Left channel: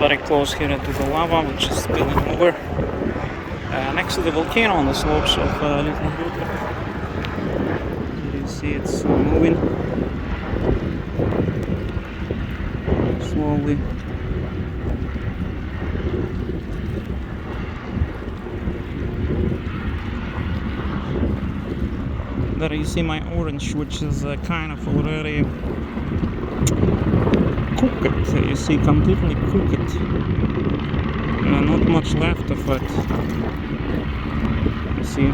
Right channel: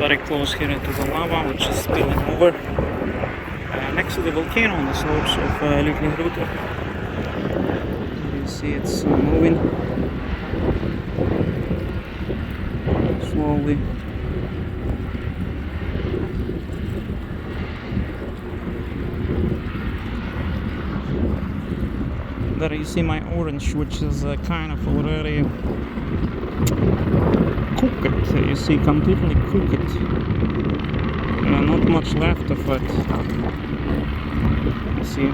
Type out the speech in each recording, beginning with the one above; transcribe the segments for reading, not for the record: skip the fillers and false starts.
very close here to the lava, which is spilling over next to the volcano on the slopes of Litlihrutur. You see it's moving slowly. There you see my orange, which is kind of already cooked. You see, completely cooked. Not much left of it. You see,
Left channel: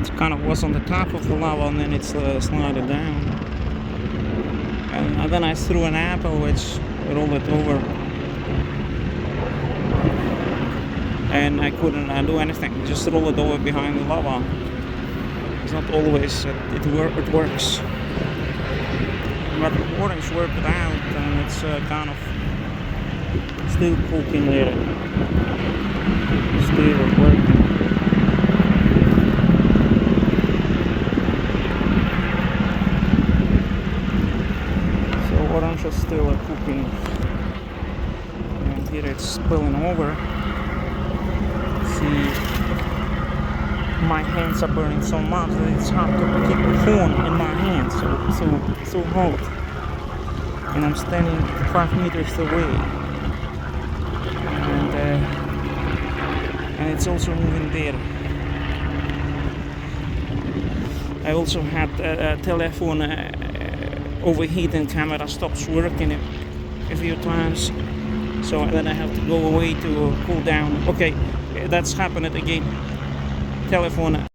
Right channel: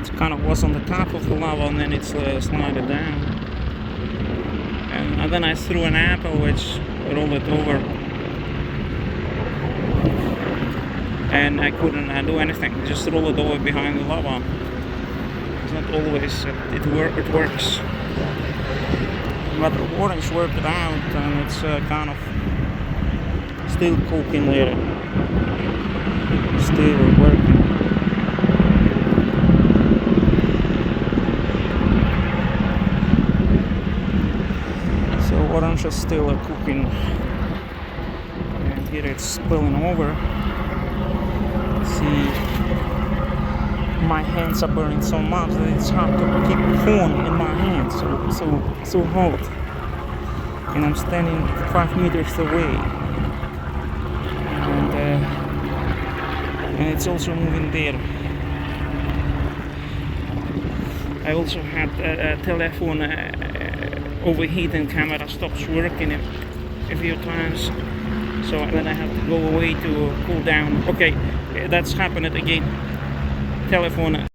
it kind of was on the top of the lava and then it's slided down. And then I threw an apple which rolled it over. And I couldn't do anything, just roll it over behind the lava. It's not always it works, but the orange worked it out, and it's kind of still cooking there, still working. So orange is still cooking, and here it's spilling over. See. My hands are burning so much that it's hard to keep the phone in my hands, so hot. And I'm standing 5 meters away, and it's also moving there. I also had a telephone overheating, camera stops working a few times, so then I have to go away to cool down. Okay, that's happened again. Telephone